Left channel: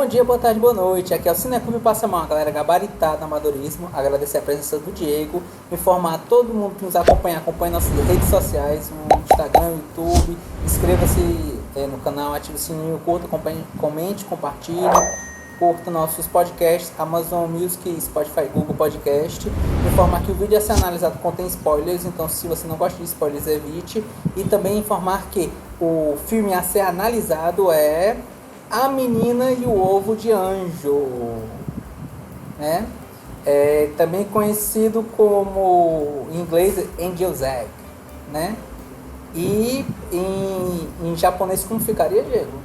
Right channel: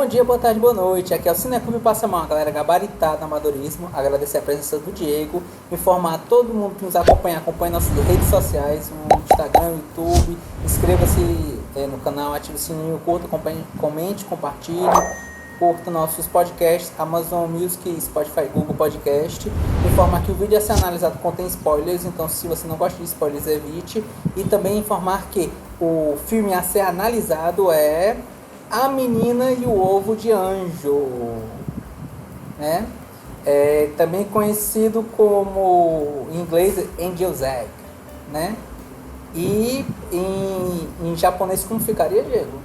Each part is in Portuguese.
Bom dia, boa tarde, boa noite. Aqui é o Cineclube Passamão, a galera gabaritada no amadorismo. Agradecer a presença do Diego. Informar a todo mundo que nos acompanha nossas redes sociais, no Instagram, YouTube. Inscreva-se no canal, ative o sininho, curta, comente, compartilhe. Curta nossos podcasts, Amazon Music, Spotify, Google Podcast. Informar que o vídeo a ser analisado contém spoilers, então se você não gosta de spoilers, evite. E também informar que o filme a ser analisado é A Menina e o Ovo de Anjo, né? É também conhecido como, em inglês, Angel's Egg, né? E em japonês como ficaria, Diego?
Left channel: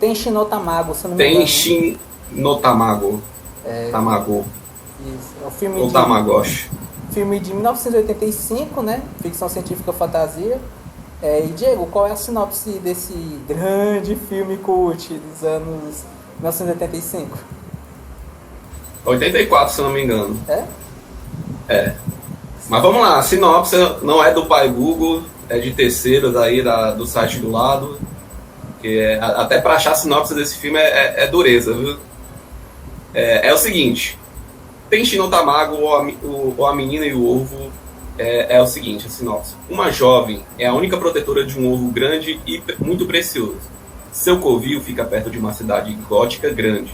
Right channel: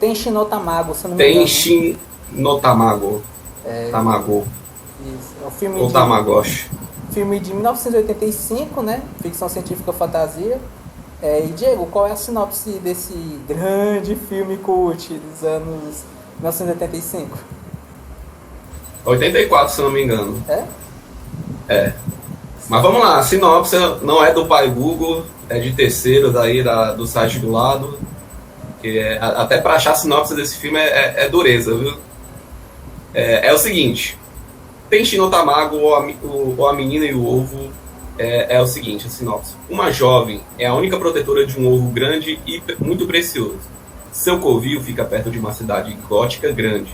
Tenshi no Tamago, se não me engano. Tenshi no Tamago. Tamago. Isso. É um filme O Tamagotchi. filme de 1985, né? Ficção científica fantasia. E Diego, qual é a sinopse desse grande filme cult dos anos 1985? 84, se não me engano. É? Mas vamos lá, a sinopse não é do pai Google, é de terceiro daí do site do lado. Até para achar a sinopse desse filme é dureza, viu? É o seguinte: Tenshi no Tamago, ou a Menina e o Ovo, é o seguinte, a sinopse. Uma jovem é a única protetora de um ovo grande e muito precioso. Seu covil fica perto de uma cidade gótica grande,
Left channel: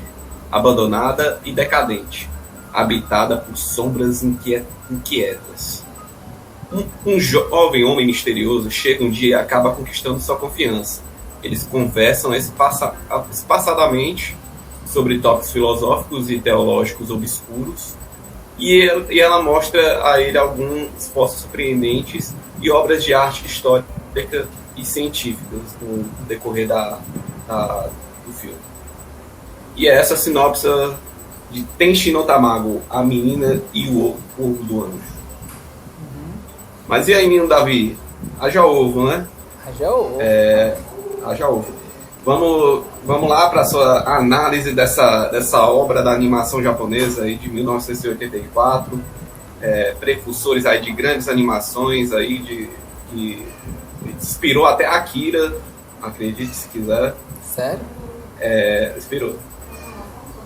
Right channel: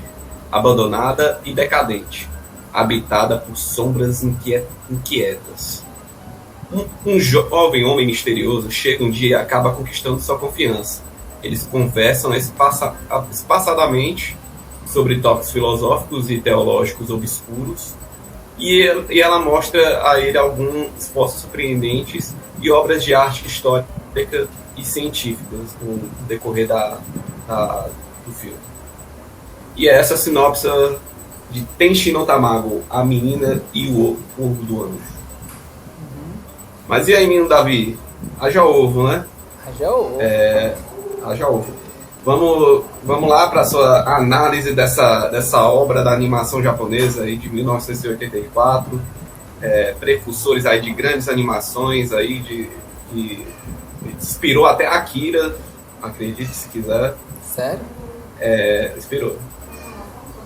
abandonada e decadente, habitada por sombras inquietas. Um jovem homem misterioso chega um dia e acaba conquistando sua confiança. Eles conversam espaçadamente sobre tópicos filosóficos e teológicos obscuros, e ela mostra a ele alguns esforços surpreendentes e obras de arte histórica e científicas no decorrer do filme. E é essa sinopse de Tenshi no Tamago, A Menina e o Ovo do Anjo. Mas e aí, menino Davi? Haja ovo, né? Haja ovo. Haja ovo. Vamos lá para a sua análise dessa obra da animação japonesa aí de 1984, precursores aí de grandes animações aí inspirou até Akira, acredite se quiser. Sério? Inspirou.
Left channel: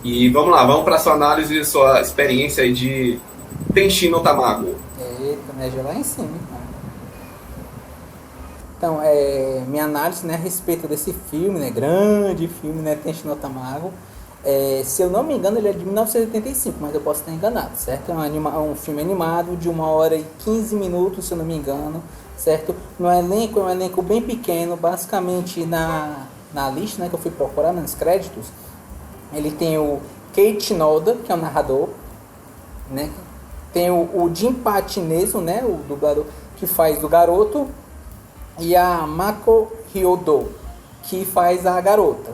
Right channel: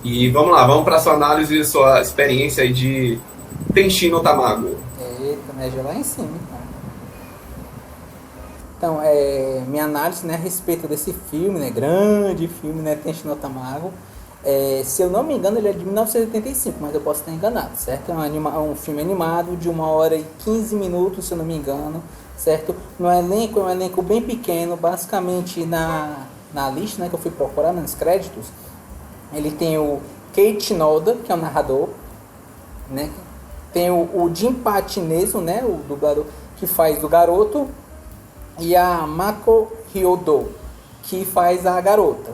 E vamos para a sua análise e sua experiência aí de Tenshi no Tamago. Eita, me ajuda lá em cima, então. Então, minha análise, né, a respeito desse filme, né, grande filme, né, Tenshi no Tamago. Se eu não me engano, ele é de 1985, mas eu posso estar enganado, certo? É um filme animado de 1h15 minutos, se eu não me engano, certo? No elenco, é um elenco bem pequeno, basicamente na lista, né, que eu fui procurar nos créditos, ele tem o Keiichi Noda, que é o narrador, né? Tem o Jinpachi Nezu, né, o dublador que faz o garoto, e a Mako Hyodo, que faz a garota.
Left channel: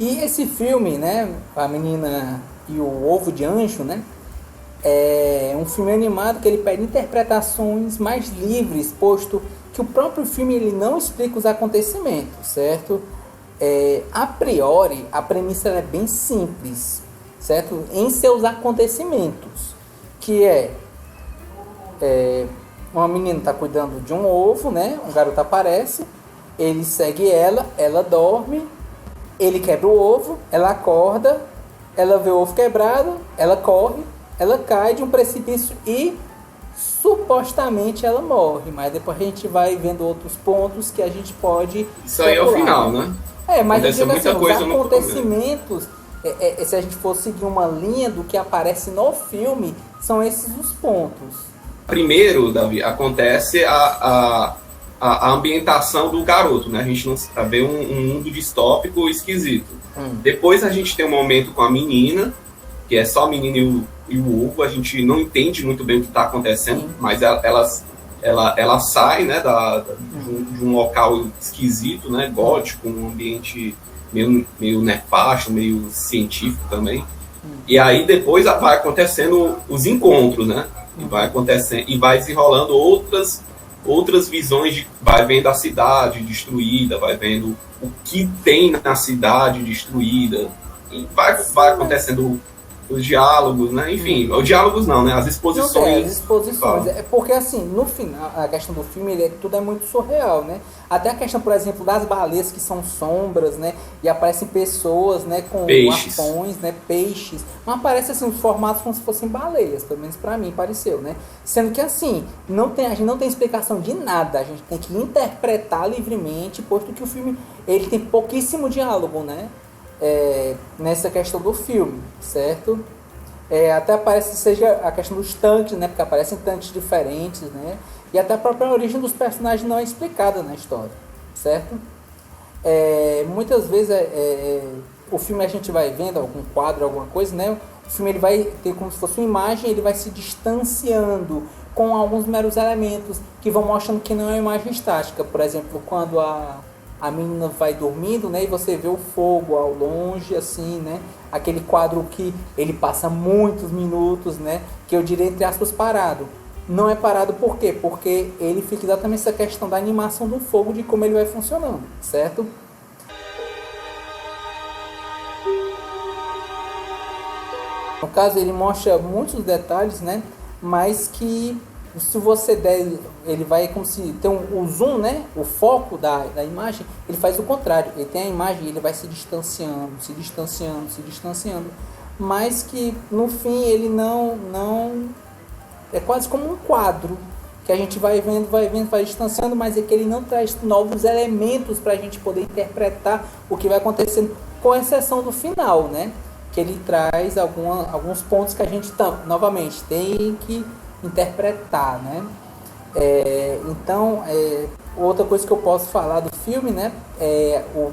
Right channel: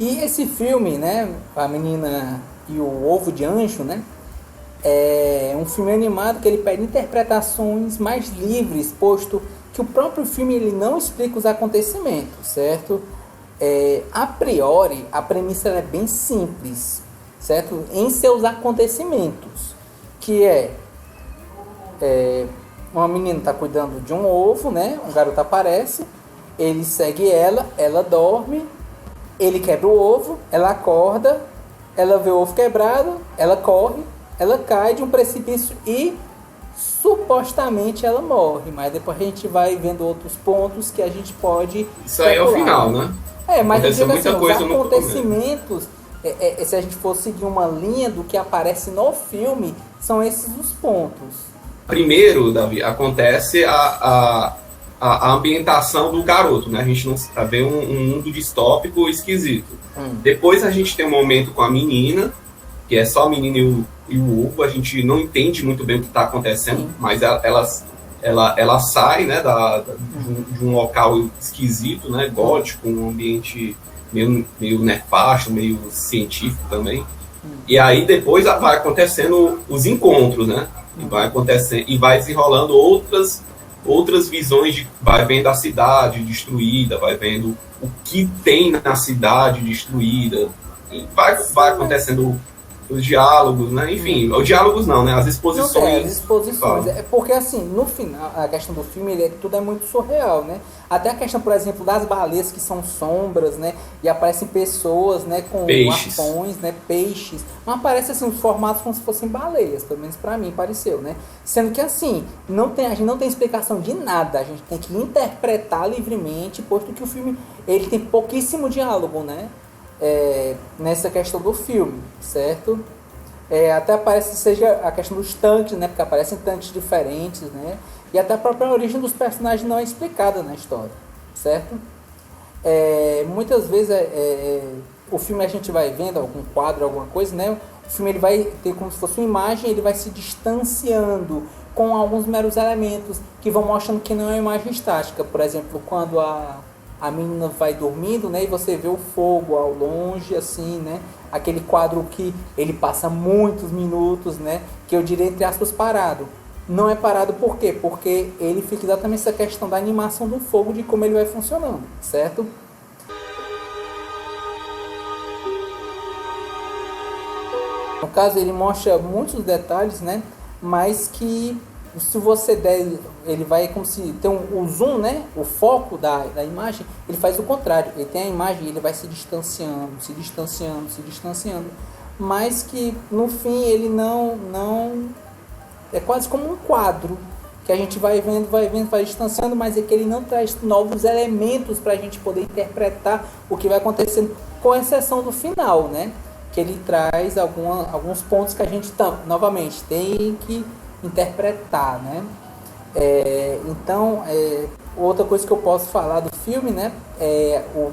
E esse filme, né, A Menina e o Ovo de Anjo, né, é um filme animado que ele pede interpretações mais livres, posto que o próprio filme ele não explica os acontecimentos, certo? A priori, a premissa é bem simples, certo? Em seus acontecimentos, que uma menina está cuidando de um ovo, né? Um garoto aparece, ele segue ela dorme, ele quebra o ovo, ela acorda, ela vê o ovo quebrado, ela corre, ela cai de um precipício e supostamente ela morre, mas depois a gente vai vendo outros pontos que a gente pode Isso aí é o final, né? Mas eu digo muita assim, os coisa acontecimentos, se a gente for seguir uma linha do que aparece no filme, são esses os pontos. Primeiro, Davi, acontece a ambientação do garoto, né? A gente não vê um mundo distópico esquisito. Depois a gente tem um momento com a menina, que é só a menina e o ovo. A gente não entende muito bem o que está acontecendo, mas ela sai, né, de um local esquisito, né, gótico, um ambiente meio nefasto, meio científico também. E aí depois vai acontecendo os encontros, né? E vai acontecendo e vai desenrolando outras visões vai vendo a cidade destruída, vai vendo o que tem na cidade destruída, e vai acontecendo os diálogos, né? Enfim, os diálogos não, né? As Não tem, as exposições. exposições. É porque assim, no final, a questão do filme, tudo é muito surreal, né? Até a questão, por exemplo, das baleias que são sombras, né? E aparecem pessoas, né, com Peixes. arpões, né, peixes. Mas aparece assim, os formatos como se fossem baleias, pelo menos pra mim pareceu, né? Sendo que assim, a gente não tem explicação de nada, a gente tem que interpretar livremente, posto que o filme, ele tem pouquíssimo diálogo, né? Nessa questão do filme, certo? Até aparece seja a questão dos tanques, né? Porque aparecem tanques diferentes, né? E até a própria origem dos personagens não é explicada na história, certo? Muitas vezes o filme a gente vai vendo algum quadro, alguma coisa, né? O filme ele vai ter como se fosse uma imagem, ele vai se distanciando com alguns meros elementos que vão mostrando que não é uma imagem estática. Por exemplo, quando a menina vai dormindo, né, e você vê o fogo ao longe, assim, né, aquele quadro que ele passa muitos minutos, né, que eu diria entre aspas parado. Não é parado por quê? Porque ele fica exatamente essa questão da animação do fogo, de como ele vai funcionando, certo? No caso, ele mostra muitos detalhes, né? Mas que se você der, ele vai como se tem o zoom, né? O foco da imagem, ele faz o contrário. Ele tem a imagem e ele vai se distanciando, se distanciando, se distanciando. Mas que no fim ele não é quase como um quadro que a gente vai vendo, vai distanciando, mas é que ele não traz novos elementos para a gente poder interpretar o que vai acontecendo, com exceção do final, né? Que ele traz alguns pontos que a gente novamente tem que interpretar, né? Então, outra coisa que eu posso falar do filme, né? É o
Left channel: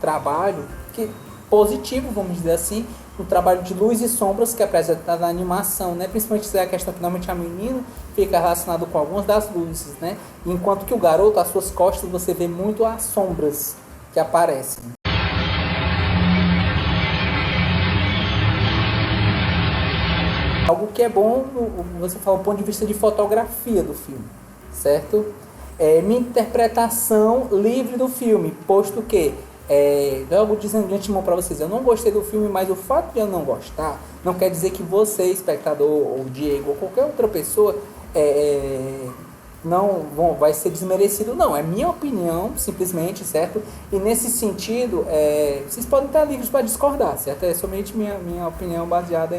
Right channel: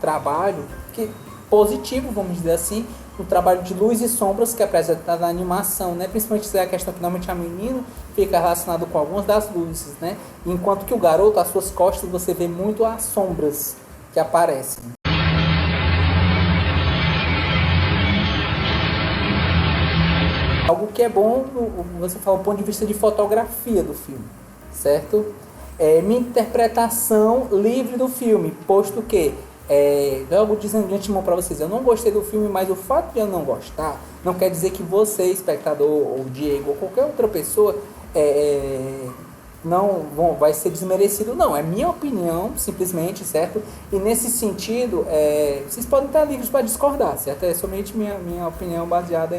trabalho que positivo, vamos dizer assim, um trabalho de luz e sombras que é apresentado na animação, né? Principalmente se é a questão que normalmente a menina fica relacionado com algumas das luzes, né? Enquanto que o garoto, às suas costas, você vê muito as sombras que aparecem. Algo que é bom, você fala do ponto de vista de fotografia do filme, certo? Minha interpretação livre do filme, posto que, logo dizendo de antemão para vocês, eu não gostei do filme, mas o fato de eu não gostar, não quer dizer que você, espectador, ou Diego, ou qualquer outra pessoa, vai ser desmerecido, não. É minha opinião, simplesmente, certo? E nesse sentido, vocês podem estar livres para discordar, certo? É somente minha opinião baseada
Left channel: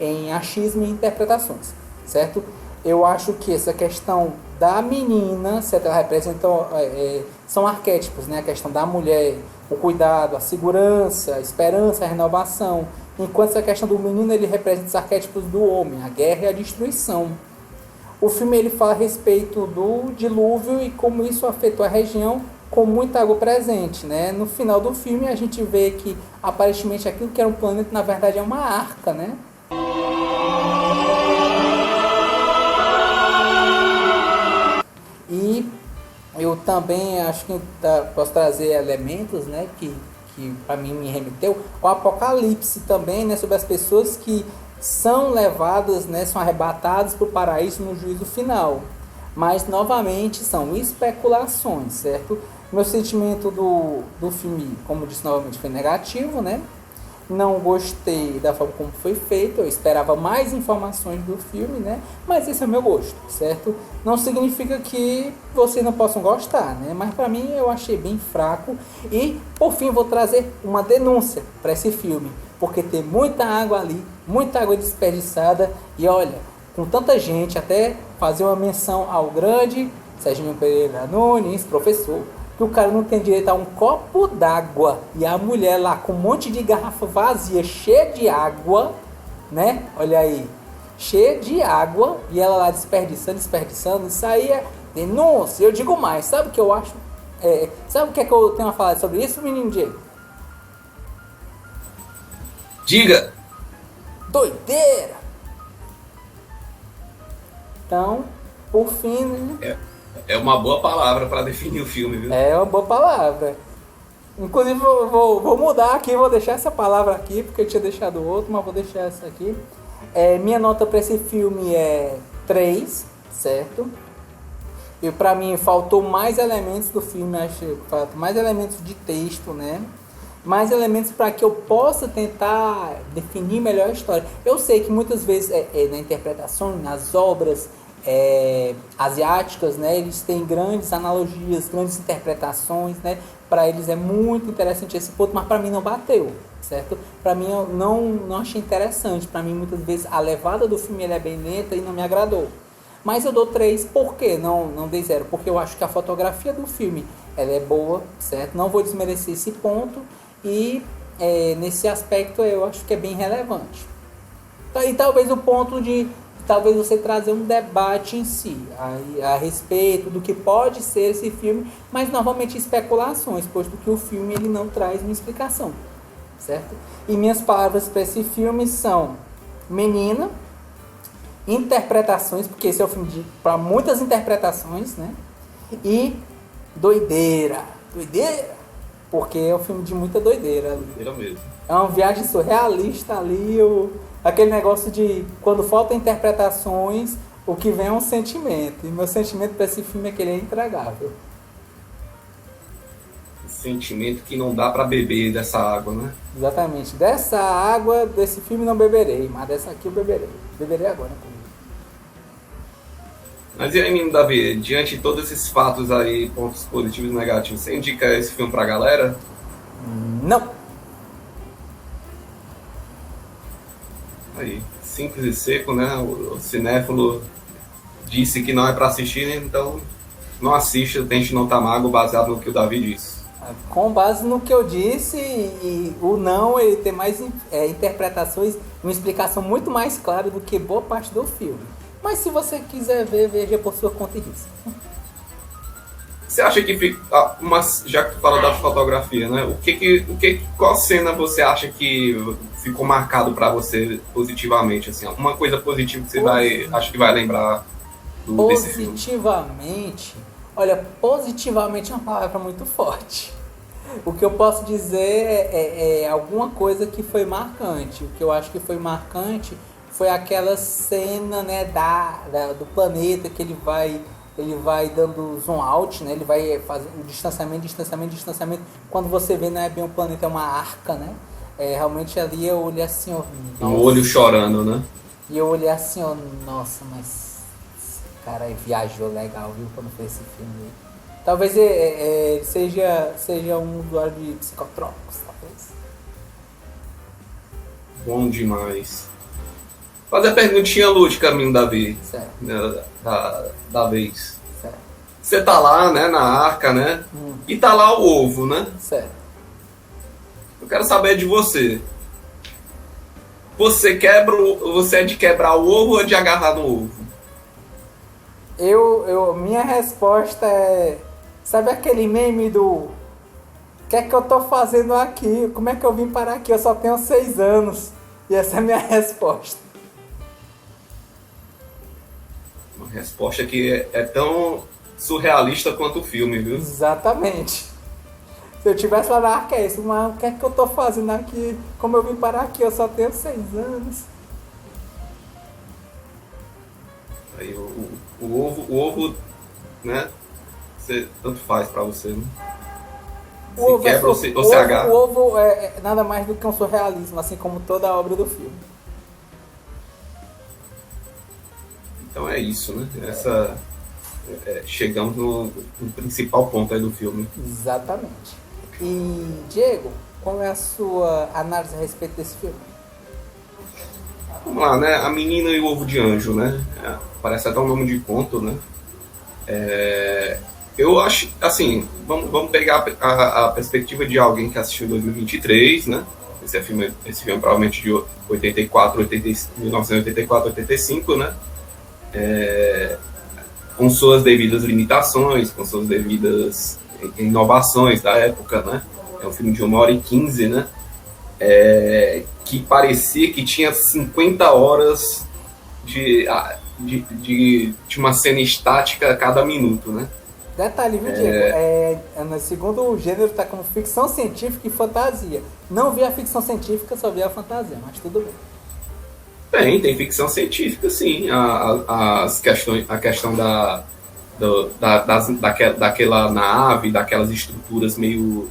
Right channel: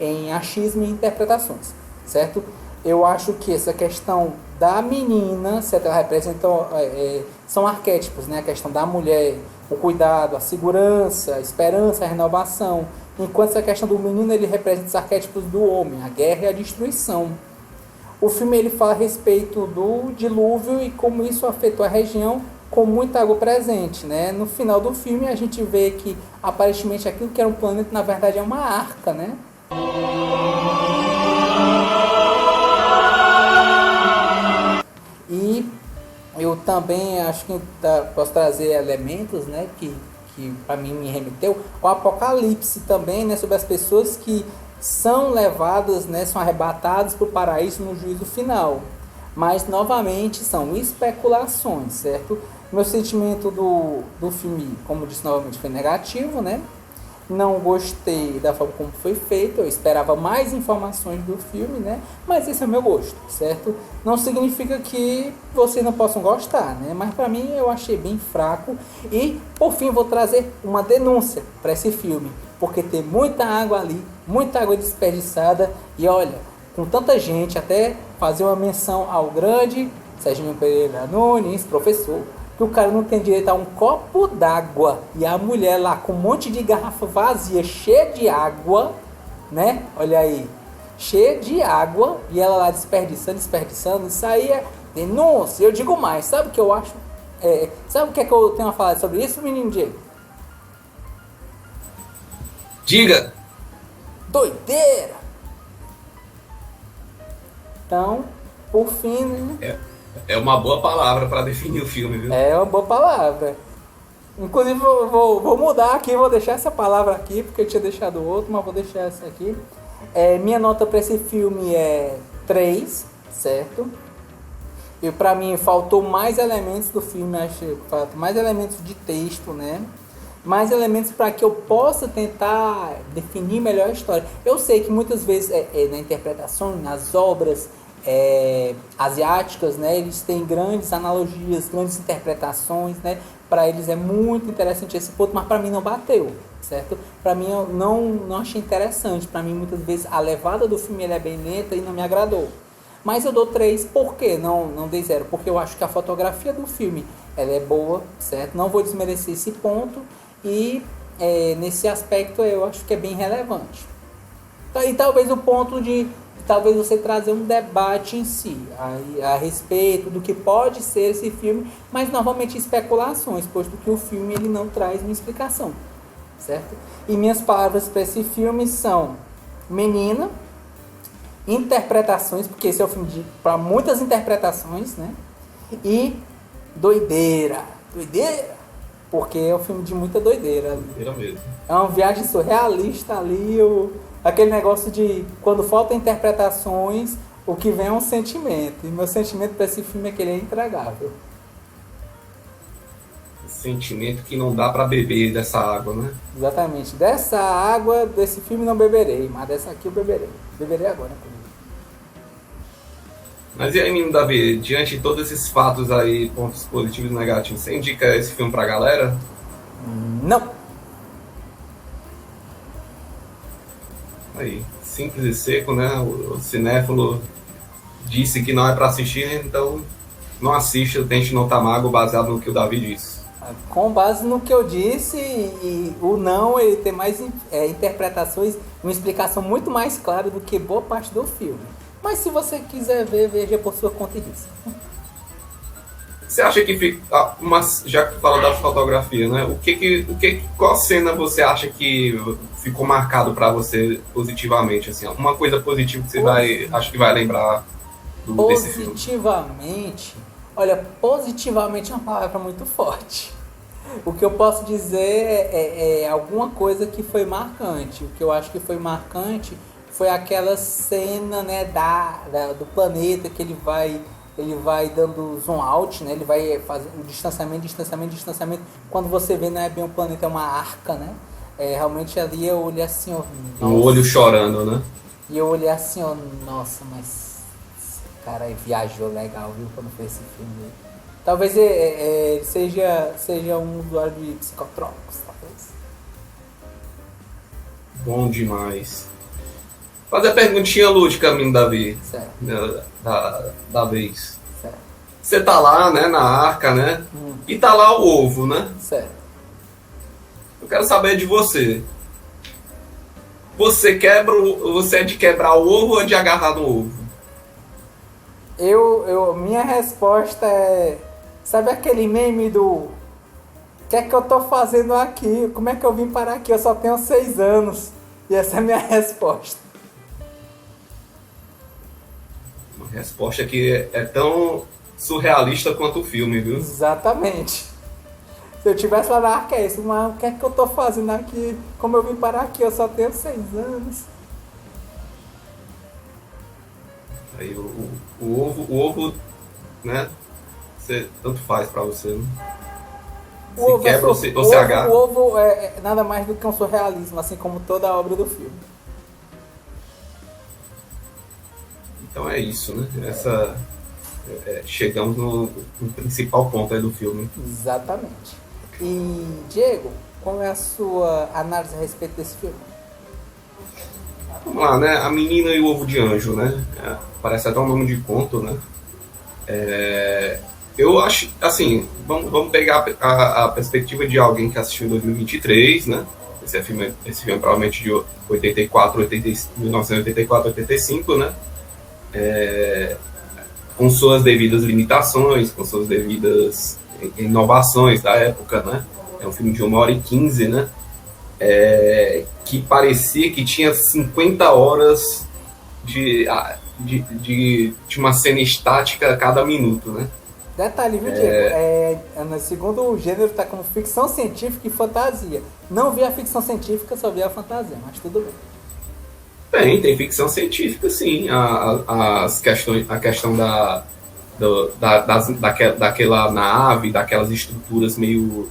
em achismo e interpretações, certo? Eu acho que essa questão da menina, certo? Ela representa, são arquétipos, né? A questão da mulher, o cuidado, a segurança, a esperança, a renovação. Enquanto essa questão do menino, ele representa os arquétipos do homem, a guerra e a destruição. O filme ele fala a respeito do dilúvio e como isso afetou a região com muita água presente, né? No final do filme a gente vê que aparentemente aquilo que era um planeta na verdade é uma arca, né? E eu também acho que posso trazer elementos, né, que para mim me remeteu o Apocalipse também, né, sobre as pessoas que são levadas, né, são arrebatadas para o paraíso no juízo final. Mas novamente são especulações, certo? Meu sentimento do filme, como disse novamente, foi negativo, né? Não gostei da forma como foi feito, eu esperava mais informações do filme, né? Mas esse é o meu gosto, certo? Não significa que vocês não possam gostar, né? Mas para mim eu achei bem fraco. E por fim vou trazer uma denúncia para esse filme, porque tem muita água ali, muita água desperdiçada. E olha, com tanta gente, até fazer uma menção ao grande Serginho Pereira Nunes, professor, que o cara não tem direito a um copo d'água e a mulher lá com um monte de garrafa vazia, cheia de água, né? Olha aí, cheia de água e ela lá desperdiçando, isso aí é denúncia. Eu digo mais, sabe o que eu acho? Sabe o que é que eu tenho a falar sobre isso, menino Diego? Diga! Doideira! Então, por fim, né? É uma boa palavra para definir o filme, viu? É uma boa palavra. Inclusive, vou mudar aqui, vou deixar essa palavra aqui, porque eu tinha deixado outro, mas vou deixar essa aqui. Minha nota para esse filme é 3, certo? E para mim faltou mais elementos do filme, acho que faltou mais elementos de texto, né? mais elementos para que eu possa tentar definir melhor a história. Eu sei que muitas vezes na interpretação, nas obras asiáticas, né, eles têm grandes analogias, grandes interpretações, né, para eles é muito interessante esse ponto, mas para mim não bateu, certo? Para mim eu não achei interessante, para mim muitas vezes a levada do filme é bem lenta e não me agradou. Mas eu dou 3, por quê? Não dei 0, porque eu acho que a fotografia do filme ela é boa, certo? Não vou desmerecer esse ponto e nesse aspecto eu acho que é bem relevante. E talvez o ponto de talvez você trazer um debate em si a respeito do que pode ser esse filme, mas novamente especulações, posto que o filme ele não traz uma explicação, certo? E minhas palavras para esse filme são menina, interpretações, porque esse é o filme para muitas interpretações, né? E doideira, porque é um filme de muita doideira. Mesmo. É uma viagem surrealista ali, aquele negócio de quando faltam interpretações, o que vem é um sentimento. E meu sentimento para esse filme é que ele é intragável. Sentimento que não dá para beber dessa água, né? Exatamente. Dessa água, desse filme não beberei, mas dessa aqui eu beberei. Beberei agora. Mas e aí, menino Davi, diante de todos esses fatos aí, pontos positivos e negativos, você indica esse filme pra galera? Não. Aí, simples e seco, né? O cinéfilo disse que não é pra assistir, então não assista Tente Não Tamago, baseado no que o Davi disse. Com base no que eu disse, e o não ele tem mais interpretações, uma explicação muito mais clara do que boa parte do filme. Mas se você quiser ver, veja por sua conta e risco. Você acha que, já que tu fala da fotografia, né? Qual cena você acha que ficou marcado pra você positivamente, assim? Uma coisa positiva que você acho que vai lembrar desse filme? Positivamente, olha, positivamente é uma palavra muito forte. O que eu posso dizer é alguma coisa que foi marcante. O que eu acho que foi marcante foi aquela cena, né, do planeta que ele vai dando zoom out, né? Ele vai fazendo distanciamento. Quando você vê, não é bem um planeta, é uma arca, né? Realmente ali eu olhei assim, ó, nossa. O olho chorando, né? E eu olhei assim, ó, nossa, mas esse cara viajou legal, viu, quando fez esse filme. Talvez seja um usuário de psicotrópicos, talvez. Bom demais. Fazer a perguntinha lúdica, menino Davi. Certo. Da vez. Certo. Você tá lá, né, na arca, né? E tá lá o ovo, né? Certo. Eu quero saber de você. Você é de quebrar o ovo ou de agarrar no ovo? Minha resposta é... Sabe aquele meme do... O que é que eu tô fazendo aqui? Como é que eu vim parar aqui? Eu só tenho 6 anos. E essa é a minha resposta. Uma resposta que é tão surrealista quanto o filme, viu? Exatamente. Se eu tivesse lá na arca, é isso. Mas o que é que eu tô fazendo aqui? Como eu vim parar aqui? Eu só tenho 6 anos. Aí o ovo, né? Tanto faz pra você, né? O ovo é nada mais do que um surrealismo, assim como toda a obra do filme. Então é isso, né? Chegamos no principal ponto aí do filme. Exatamente. E, Diego, qual é a sua análise a respeito desse filme? Vamos lá, né? A Menina e o Ovo de Anjo, né? Parece até um nome de conto, né? Eu acho, assim, vamos pegar a perspectiva de alguém que assistiu em 2023, né? Esse filme provavelmente de 1984, 85, né? Com suas devidas limitações, com suas devidas inovações da época, né? É um filme de 1h15, né? Que parecia que tinha 50 horas de uma cena estática a cada minuto, né? Detalhe, viu, Diego? No segundo gênero tá como ficção científica e fantasia. Não vi a ficção científica, só vi a fantasia, mas tudo bem. Tem ficção científica, sim. A questão daquela nave, daquelas estruturas meio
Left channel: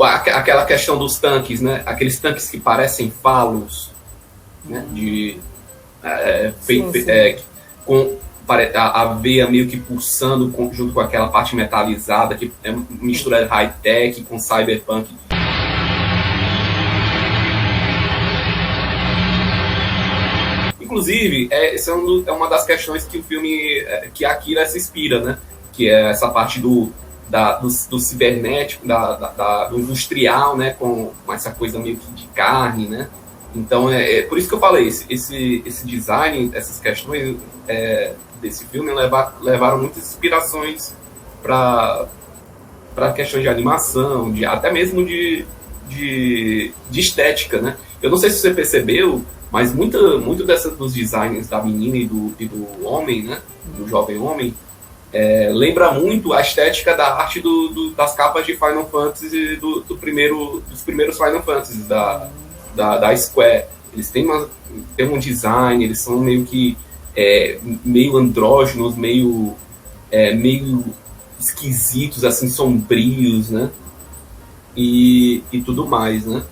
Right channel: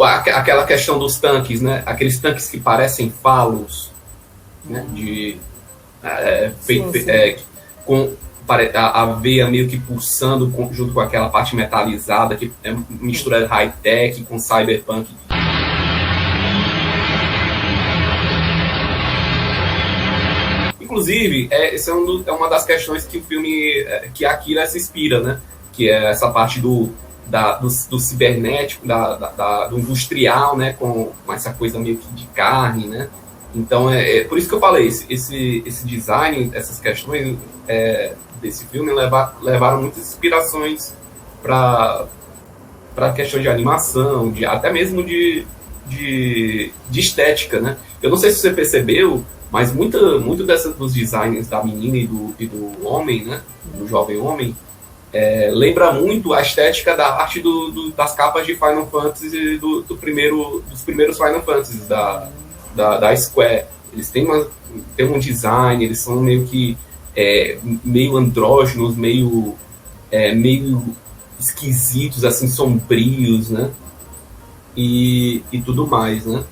aquela questão dos tanques, né? Aqueles tanques que parecem falos, né? Sim, sim. Com a veia meio que pulsando junto com aquela parte metalizada, que é mistura high-tech com cyberpunk. Inclusive, essa é uma das questões que o filme, que Akira se inspira, né? Que é essa parte do cibernético, do industrial, né? Com essa coisa meio que de carne, né? Então, por isso que eu falei, esse design, essas questões desse filme levaram muitas inspirações para questões de animação, até mesmo de estética, né? Eu não sei se você percebeu, mas muito dos designs da menina e do homem, né? Do jovem homem, lembra muito a estética da arte das capas de Final Fantasy dos primeiros Final Fantasy da Square. Eles têm um design, eles são meio que meio andrógenos, meio esquisitos, assim, sombrios, né? E tudo mais, né?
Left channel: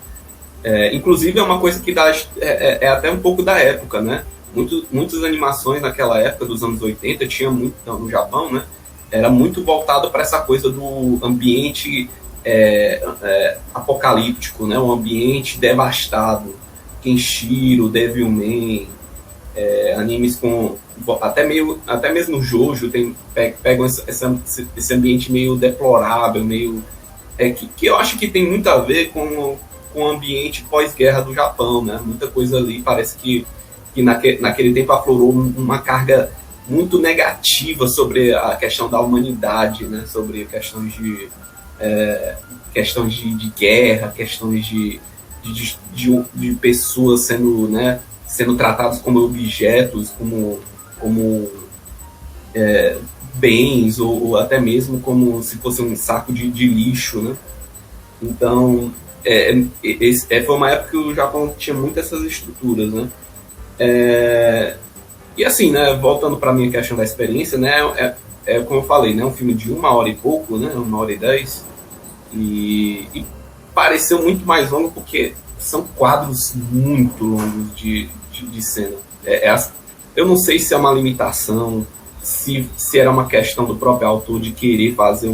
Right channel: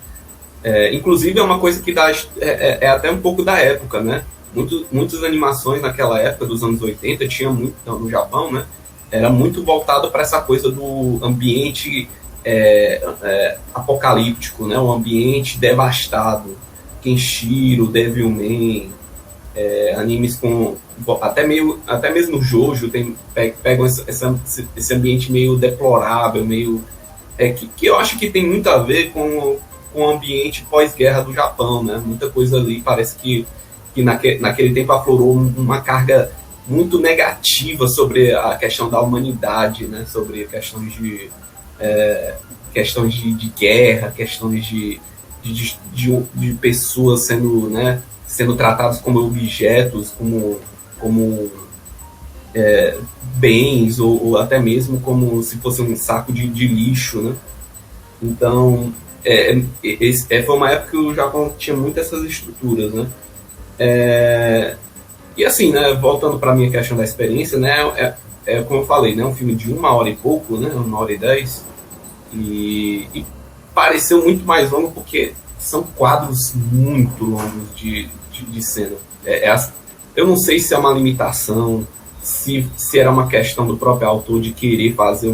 Inclusive é uma coisa que é até um pouco da época, né? Muitas animações naquela época dos anos 80 tinha muito no Japão, né? Era muito voltado para essa coisa do ambiente apocalíptico, né? Um ambiente devastado. Kenshiro, Devilman, animes com até mesmo Jojo pegam esse ambiente meio deplorável, meio que eu acho que tem muito a ver com o ambiente pós-guerra do Japão, né? Muita coisa ali parece que naquele tempo aflorou uma carga muito negativa sobre a questão da humanidade, né? Sobre questões de guerra, questões de pessoas sendo tratadas como objetos, como bens, ou até mesmo como se fosse um saco de lixo, né? Então, foi uma época que o Japão tinha muitas essas estruturas, né? E assim, né, voltando para a minha questão da experiência, né, como eu falei, né, um filme de 1 hora e pouco, né, 1h10, e pareceu muito mais longo porque são quadros muito longos de cena. Eu não sei se é uma limitação, se era uma questão do próprio autor de querer fazer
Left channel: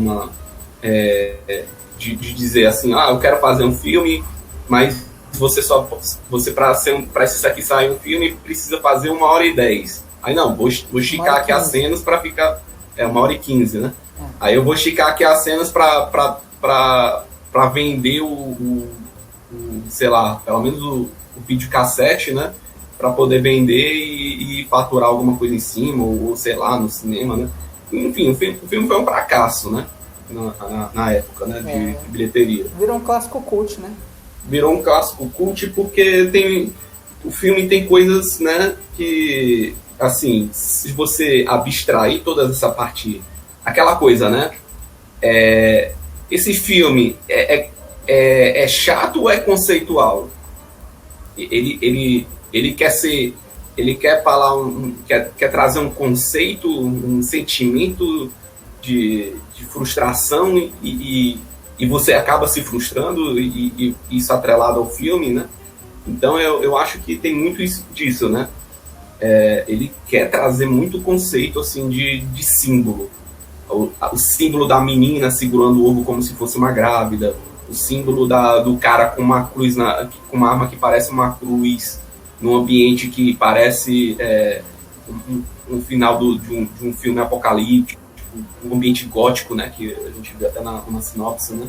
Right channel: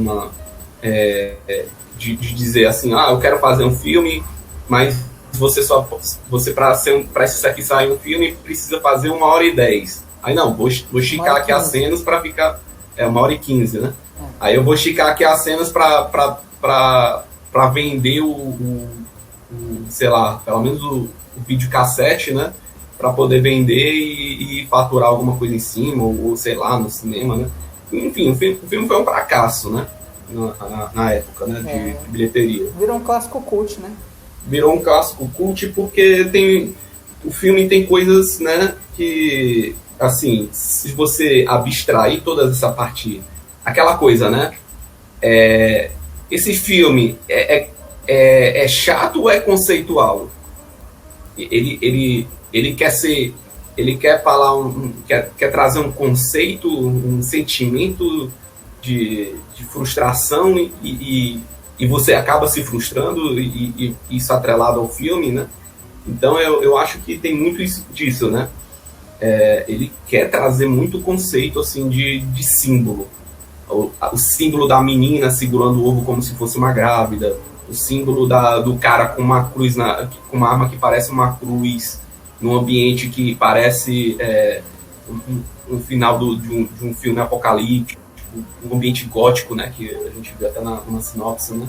de dizer assim, eu quero fazer um filme, mas você para isso aqui sair um filme precisa fazer 1h10. Aí não, vou esticar aqui as cenas para ficar 1h15, né? Aí eu vou esticar aqui as cenas para vender sei lá, pelo menos o videocassete, né? Para poder vender e faturar alguma coisa em cima, ou sei lá, no cinema, né? Enfim, o filme foi um fracasso, né? Na época, né? De bilheteria. Virou um clássico cult, né? Virou um clássico cult porque o filme tem coisas, né? Que, assim, se você abstrair toda essa parte, aquela coisa, né? Esse filme é chato ou é conceitual? Ele quer falar quer trazer um conceito, um sentimento de frustração e você acaba se frustrando e isso atrelado ao filme, né? Então eu acho que tem muito disso, né? Ele quer trazer muito conceito assim de símbolo. O símbolo da menina segurando o ovo como se fosse uma grávida, o símbolo do cara com uma cruz, com uma arma que parece uma cruz, num ambiente que parece um final de um filme apocalíptico, um ambiente gótico, né, que a gente viu até na sinopse, né?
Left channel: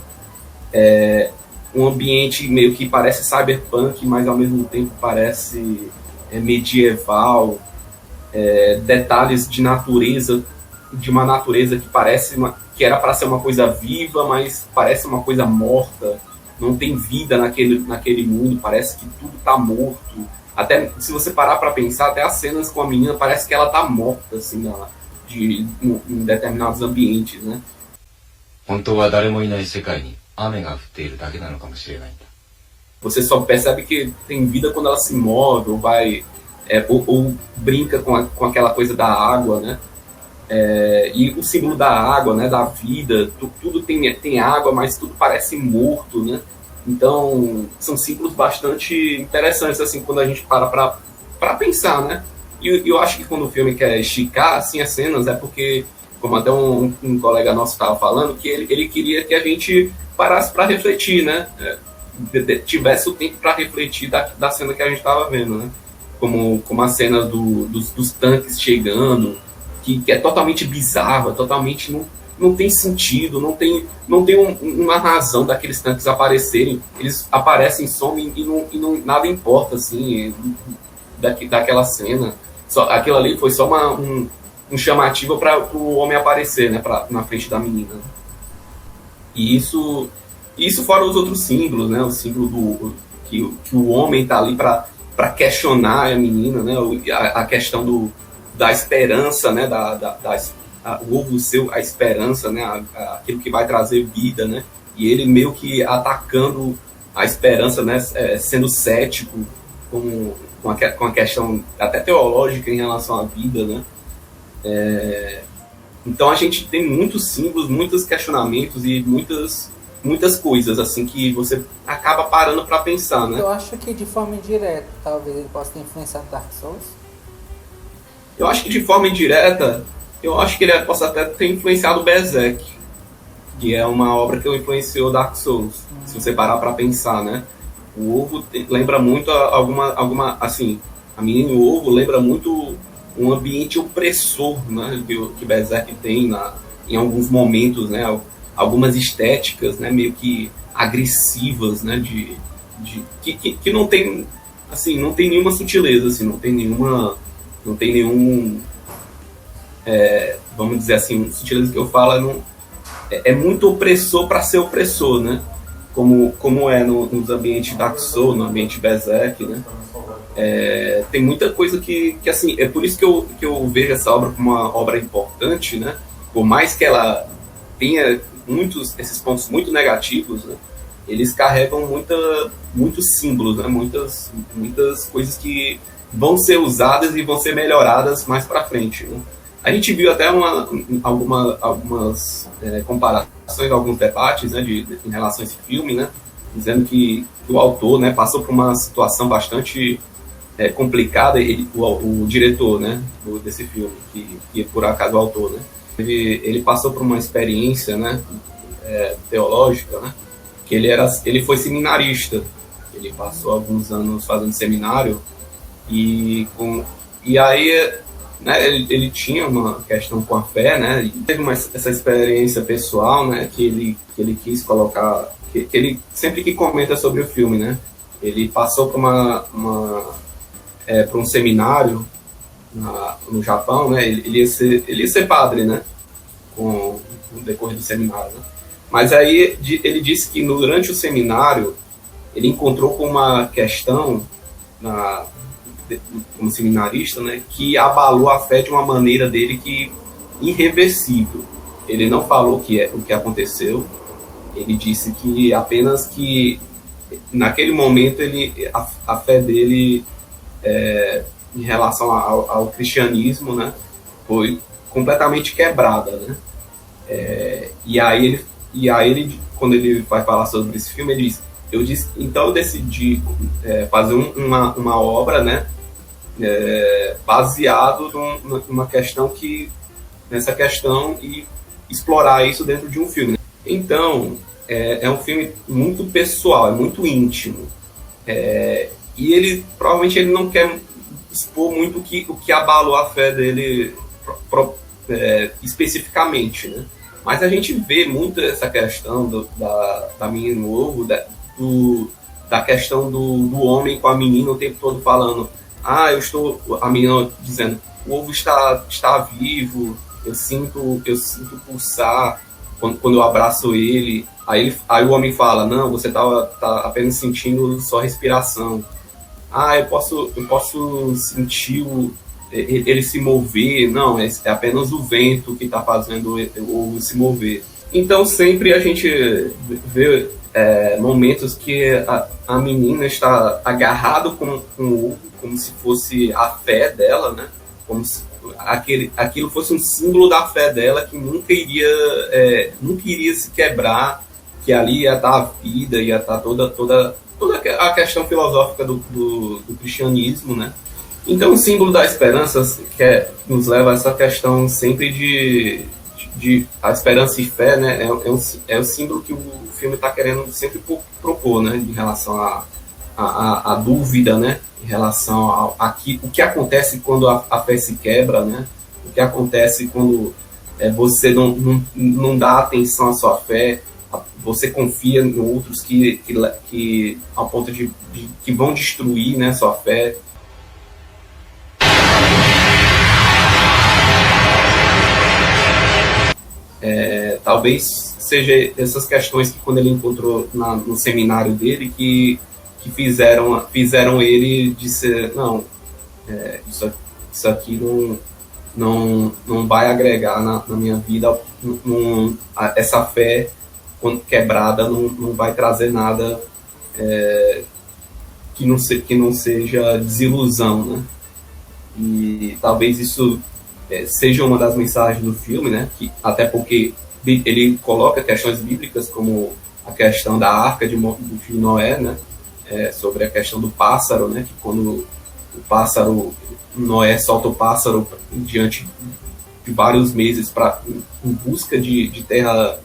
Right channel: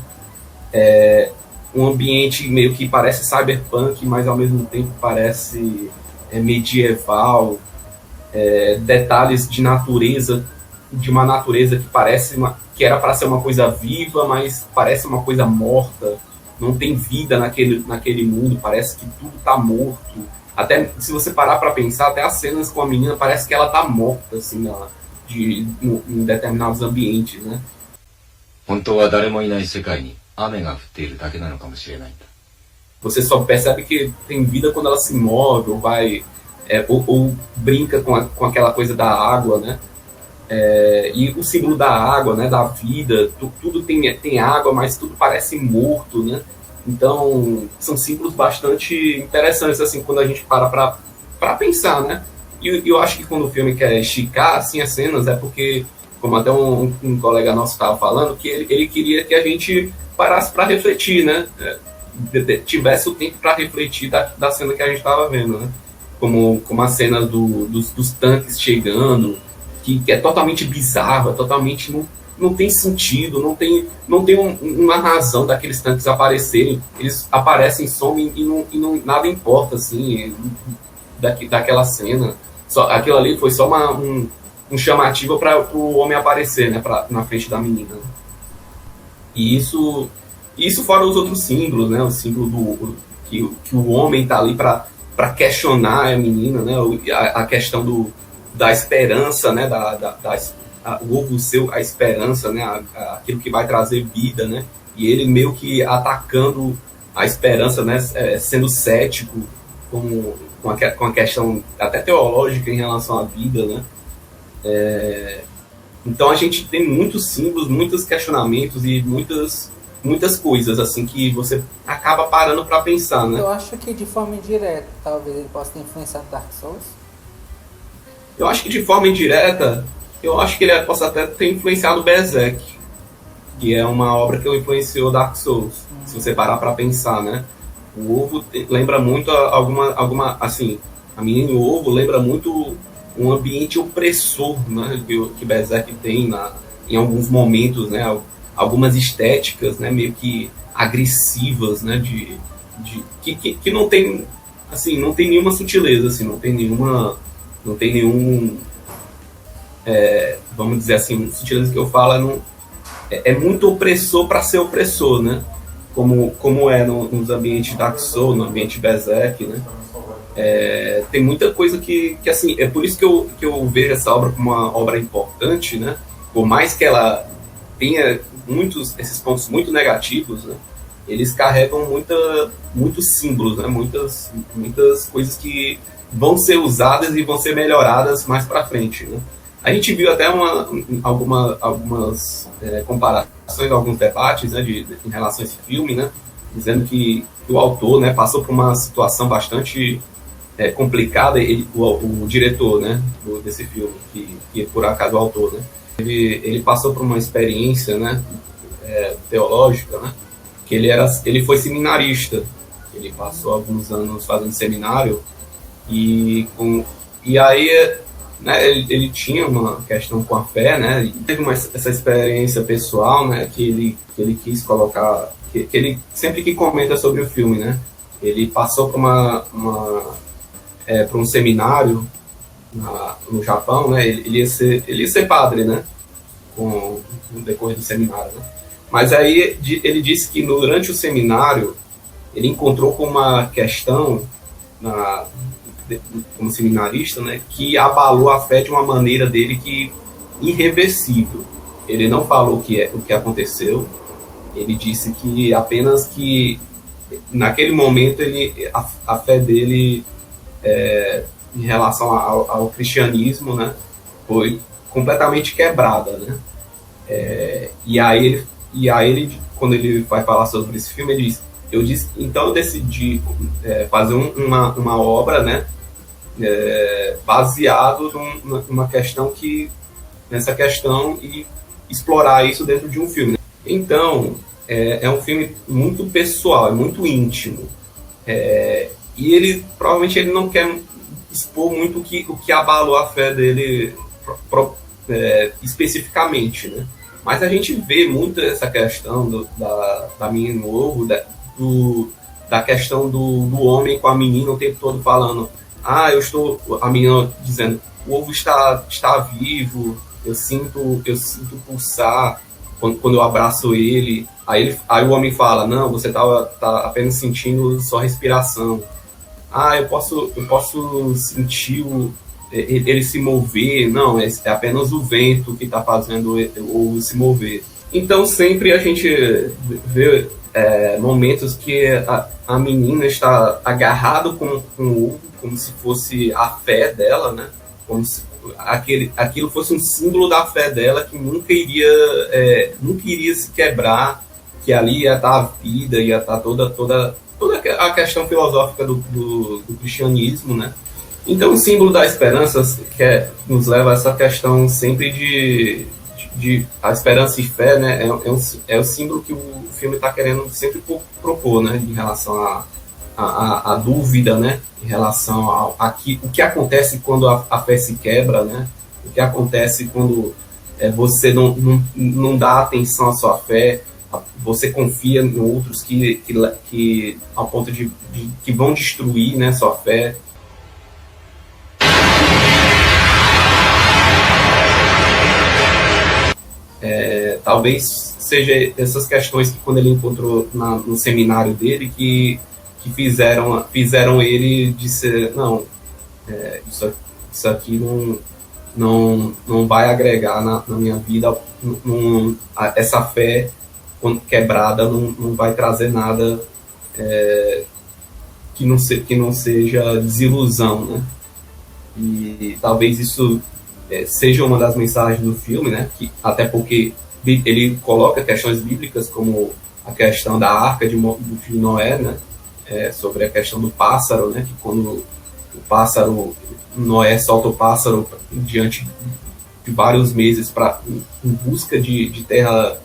Um ambiente meio que parece cyberpunk, mas ao mesmo tempo parece medieval, detalhes de natureza, de uma natureza que parece que era para ser uma coisa viva, mas parece uma coisa morta, não tem vida naquele mundo, parece que tudo está morto. Até se você parar para pensar, até as cenas com a menina parece que ela está morta, assim, em determinados ambientes, né? Você só percebe que tem vida quando ela se move, ou vai ou brinca com aquela coisa da água, né? E o símbolo da água, né, da vida, tudo tem água, mas tudo parece morto, né? Então, são símbolos bastante interessantes, assim, quando a gente para pensar, né? E eu acho que quando o filme quer esticar, assim, as cenas, é porque, como até um colega nosso estava falando, que ele queria que a gente parasse para refletir, né? Tivesse o tempo para refletir da cena que a gente estava vendo, né? Como a cena dos tanques chegando, que é totalmente bizarro, totalmente não tem sentido, não tem uma razão daqueles tanques aparecerem. Eles aparecem, somem e nada importa, assim, daquela cena. Aquilo ali foi só um chamativo para o homem aparecer, né, na frente da menina. E isso fora os outros símbolos, né, o símbolo que o homem está ali para questionar a menina, né, a questão da esperança, né, o ovo seu, a esperança, né, aquilo que vai trazer vida, né, e ele meio que atacando a esperança, né, sendo cético com a questão até teológica em relação à vida, né. Então a gente tem muitos símbolos, muitos questionamentos e muitas coisas assim que você acaba parando para pensar, né. Eu acho que de forma indireta, talvez ele possa ter influenciado Dark Souls. Eu acho que de forma indireta, eu acho que ele possa até ter influenciado Berserk, que é uma obra que influenciou Dark Souls, se você parar para pensar, né. O ovo lembra muito alguma assim, a menina e o ovo lembra muito um ambiente opressor, né, que Berserk tem em alguns momentos, né, algumas estéticas, né, meio que agressivas, né, que não tem, assim, não tem nenhuma sutileza, assim, não tem nenhum, vamos dizer assim, sutileza que eu falo é muito opressor para ser opressor, né, como é nos ambientes Dark Souls, no ambiente Berserk, né. Tem muita coisa que assim, é por isso que eu vejo essa obra como uma obra importante, né, por mais que ela tenha esses pontos muito negativos, né, eles carregam muitos símbolos, né, muitas coisas que vão ser usadas e vão ser melhoradas mais para frente, né. A gente viu até algumas comparações, alguns debates, né, em relação a esse filme, né, dizendo que o autor, né, passou por uma situação bastante complicada, o diretor, né, desse filme, que por acaso é o autor, né, ele passou por uma experiência, né, teológica, né, que ele foi seminarista, ele passou alguns anos fazendo seminário e aí, né, ele tinha uma questão com a fé, né, e teve essa experiência pessoal, né, que ele quis colocar, que ele sempre que comenta sobre o filme, né, ele passou por para um seminário no Japão, né, ele ia ser padre, né, no decorrer do seminário, né? Mas aí ele disse que durante o seminário ele encontrou com uma questão como seminarista, né, que abalou a fé de uma maneira dele que irreversível. Ele não falou o que aconteceu, ele disse que apenas que naquele momento a fé dele em relação ao cristianismo, né, foi completamente quebrada, né. E aí ele, quando ele vai falar sobre esse filme, ele diz: então eu decidi fazer uma obra, né, baseado nessa questão e explorar isso dentro de um filme. Então, é um filme muito pessoal, é muito íntimo. E ele provavelmente ele não quer expor muito o que abalou a fé dele especificamente, né? Mas a gente vê muito essa questão da menina no ovo, da questão do homem com a menina o tempo todo falando: a menina dizendo, o ovo está vivo, eu sinto pulsar quando eu abraço ele. Aí o homem fala: não, você tá apenas sentindo sua respiração. Eu posso sentir ele se mover. Não, é apenas o vento que está fazendo o ovo se mover. Então sempre a gente vê momentos que a menina está agarrada com o ovo, como se fosse a fé dela, né? aquilo fosse um símbolo da fé dela, que nunca iria se quebrar, que ali ia estar a vida, ia estar toda a questão filosófica do cristianismo, né? Então, o símbolo da esperança nos leva a essa questão sempre de a esperança e fé, né? É o símbolo que o filme está querendo sempre propor, né? Em relação a dúvida, né? Em relação o que acontece quando a fé se quebra, né? O que acontece quando você não dá atenção à sua fé, você confia em outros que ao ponto de que vão destruir, né, sua fé. Talvez seja essas questões que quando ele encontrou no seminário dele que fizeram ele dizer, não, isso aqui não vai agregar na minha vida, essa fé quando quebrada não vai trazer nada que não seja desilusão, né? E talvez isso seja uma das mensagens do filme, né? Que, até porque ele coloca questões bíblicas como a questão da arca do filho Noé, né? Sobre a questão do pássaro, né? Que quando Noé solta o pássaro diante de vários meses em busca de terra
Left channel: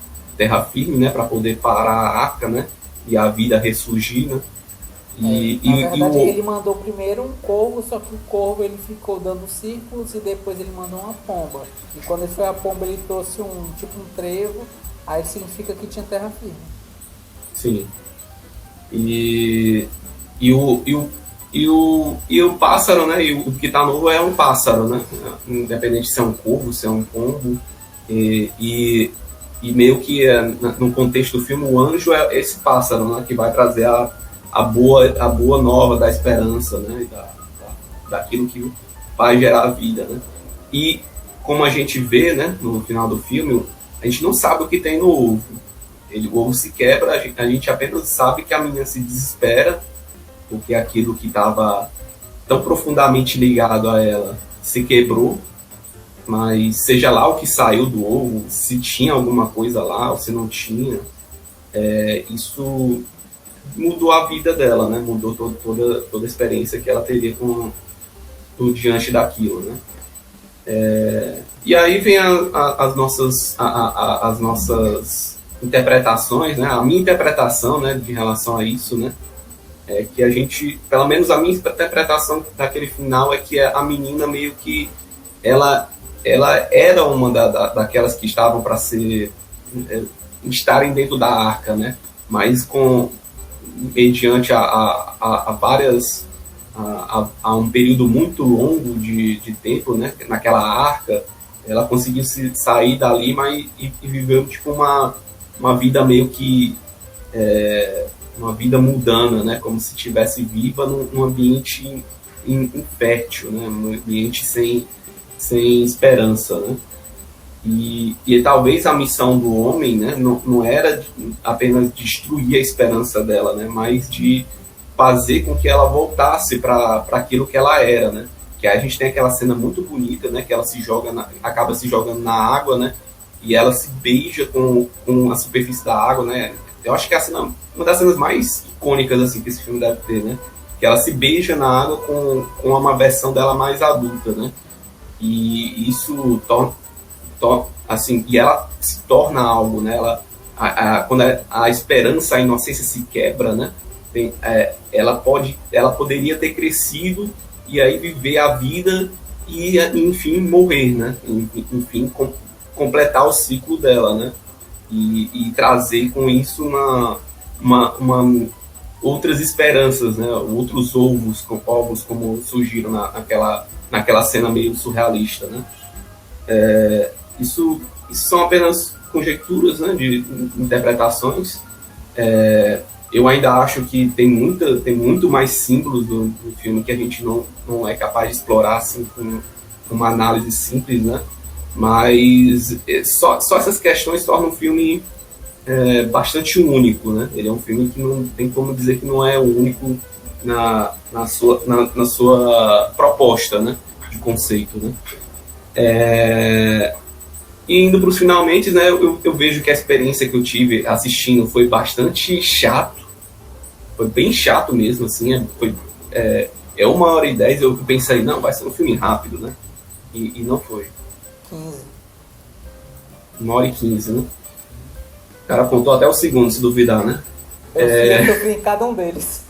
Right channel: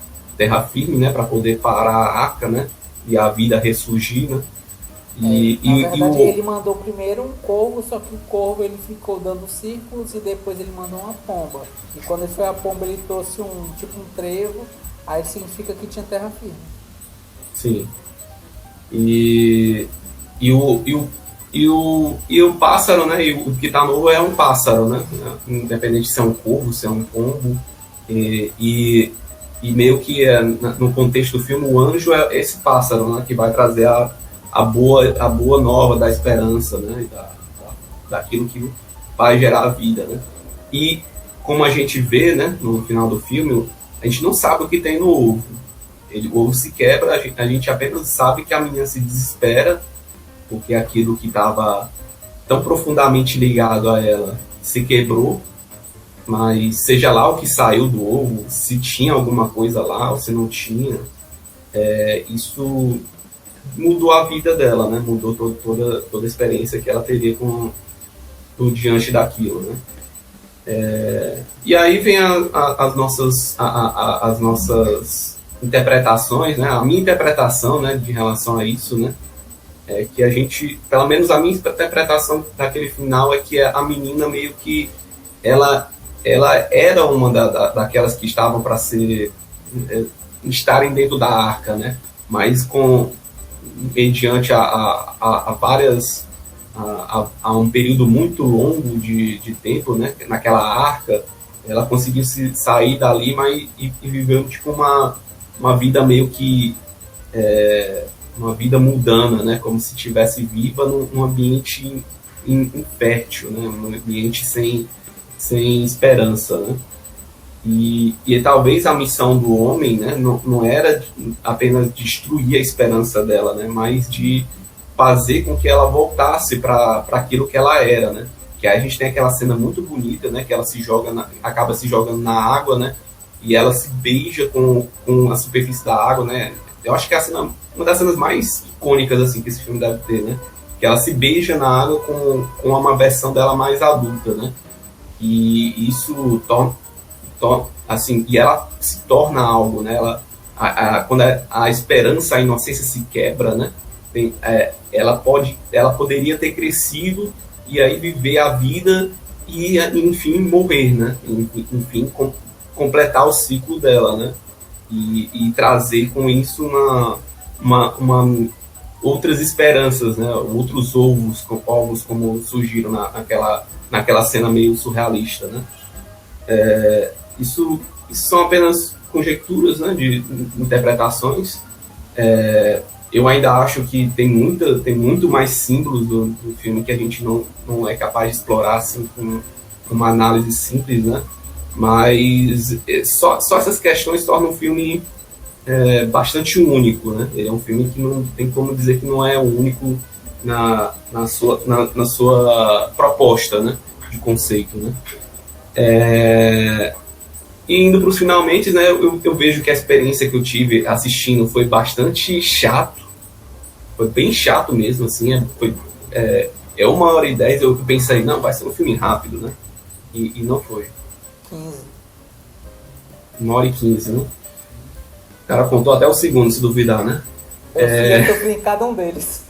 firme, né? Para poder parar a arca, né? E a vida ressurgir, né? Na verdade, ele mandou primeiro um corvo, só que o corvo ele ficou dando círculos e depois ele mandou uma pomba. E quando ele foi a pomba, ele trouxe um trevo, aí significa que tinha terra firme. Sim. E o pássaro, né? E o que tá novo é um pássaro, né? Independente se é um corvo, se é um pombo. E meio que no contexto do filme, o anjo é esse pássaro, né? Que vai trazer a boa nova da esperança, né? Daquilo que vai gerar a vida, né? E como a gente vê, né? No final do filme, a gente não sabe o que tem no ovo. O ovo se quebra, a gente apenas sabe que a menina se desespera porque aquilo que estava tão profundamente ligado a ela se quebrou, mas seja lá o que saiu do ovo, se tinha alguma coisa lá ou se não tinha, isso mudou a vida dela, né? Mudou toda a experiência que ela teria diante daquilo, né? E aí vem as nossas interpretações, né? A minha interpretação, né, de relação a isso, né? Que a gente, pelo menos a minha interpretação daquele final é que a menina meio que ela era uma daquelas que estavam para estarem dentro da arca, né? Mas mediante a um período muito longo de tempo, né? Naquela arca, ela conseguiu sair dali, mas e viveu tipo uma vida meio que uma vida mundana, né? Como se estivesse viva num ambiente infértil, né? Um ambiente sem esperança, né? E talvez a missão do homem, né, não era apenas destruir a esperança dela, né, mas de fazer com que ela voltasse para aquilo que ela era, né? Que aí a gente tem aquela cena muito bonita, né, que ela acaba se jogando na água, né? E ela se beija com a superfície da água, né? Eu acho que é uma das cenas mais icônicas assim que esse filme deve ter, né? Que ela se beija na água com uma versão dela mais adulta, né? E isso assim, e ela se torna algo, né? Quando a esperança, a inocência se quebra, né? Ela poderia ter crescido e aí viver a vida e enfim morrer, né? Enfim completar o ciclo dela, né? E trazer com isso outras esperanças, né? Outros ovos como surgiram naquela cena meio surrealista, né? Isso são apenas conjecturas, né, de interpretações. Eu ainda acho que tem muito mais símbolos do filme que a gente não é capaz de explorar assim, com uma análise simples, né? Mas só essas questões tornam o filme bastante único, né? Ele é um filme que não tem como dizer que não é único na sua proposta, né, de conceito, né? E indo para os finalmente, né, eu vejo que a experiência que eu tive assistindo foi bastante chato. Foi bem chato mesmo, assim. É 1h10, eu pensei, não, vai ser um filme rápido, né? E não foi. 15. 1h15, né? O cara contou até o segundo, se duvidar, né? Eu sofri em cada um deles.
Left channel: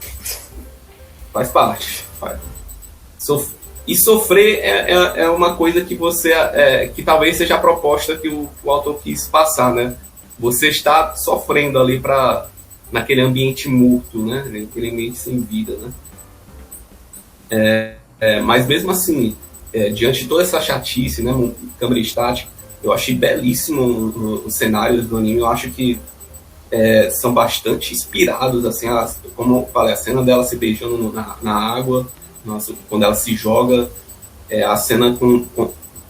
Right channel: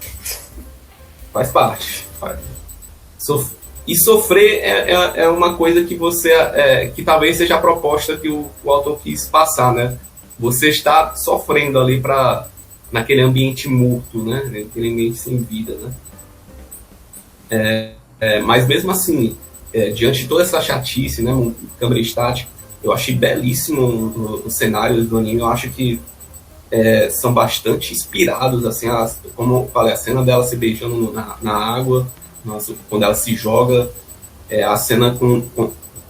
Faz parte. E sofrer é uma coisa que você que talvez seja a proposta que o autor quis passar, né? Você está sofrendo ali naquele ambiente morto, né? Naquele ambiente sem vida, né? Mas mesmo assim, diante de toda essa chatice, né? Câmera estática, eu achei belíssimo os cenários do anime. Eu acho que são bastante inspirados, assim, como eu falei, a cena dela se beijando na água, quando ela se joga, a cena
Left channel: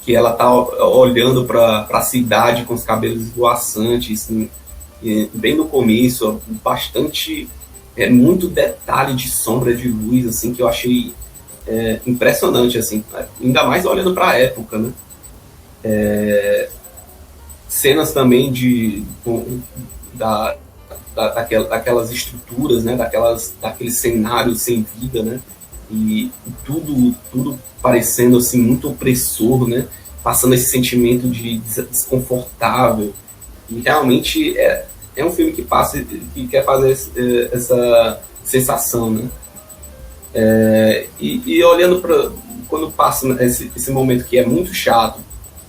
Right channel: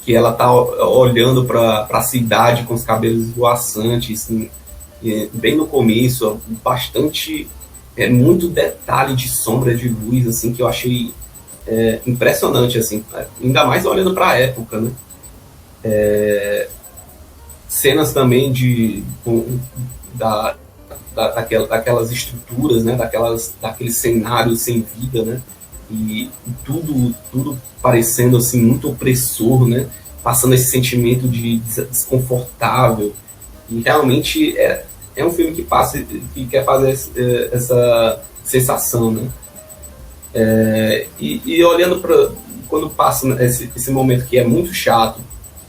que ela tá olhando para a cidade com os cabelos esvoaçantes, assim, bem no começo, bastante, muito detalhe de sombra, de luz, assim, que eu achei impressionante, assim, ainda mais olhando para a época, né? Cenas também daquelas estruturas, né? Daqueles cenários sem vida, né? E tudo parecendo assim muito opressor, né? Passando esse sentimento de desconfortável. E realmente é um filme que quer fazer essa sensação, né? E olhando para quando passa esse momento que é muito chato,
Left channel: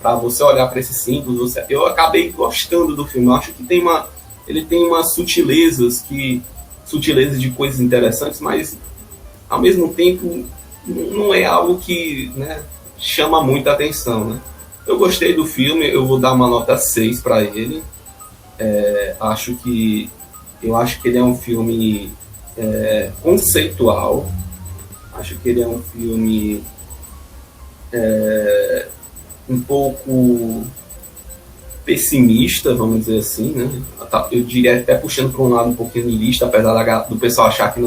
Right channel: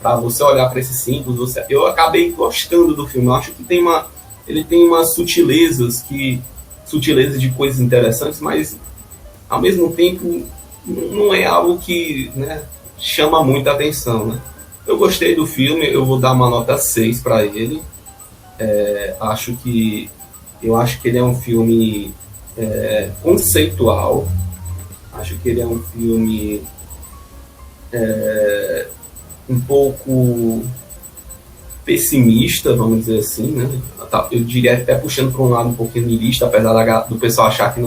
para você olhar para esses símbolos, eu acabei gostando do filme. Eu acho que ele tem umas sutilezas de coisas interessantes, mas ao mesmo tempo não é algo que, né, chama muita atenção, né? Eu gostei do filme, eu vou dar uma nota 6 para ele. Eu acho que ele é um filme conceitual. Acho que ele é um filme um pouco pessimista, vamos dizer assim, né? Eu diria até puxando para um lado um pouquinho niilista, apesar do pessoal achar que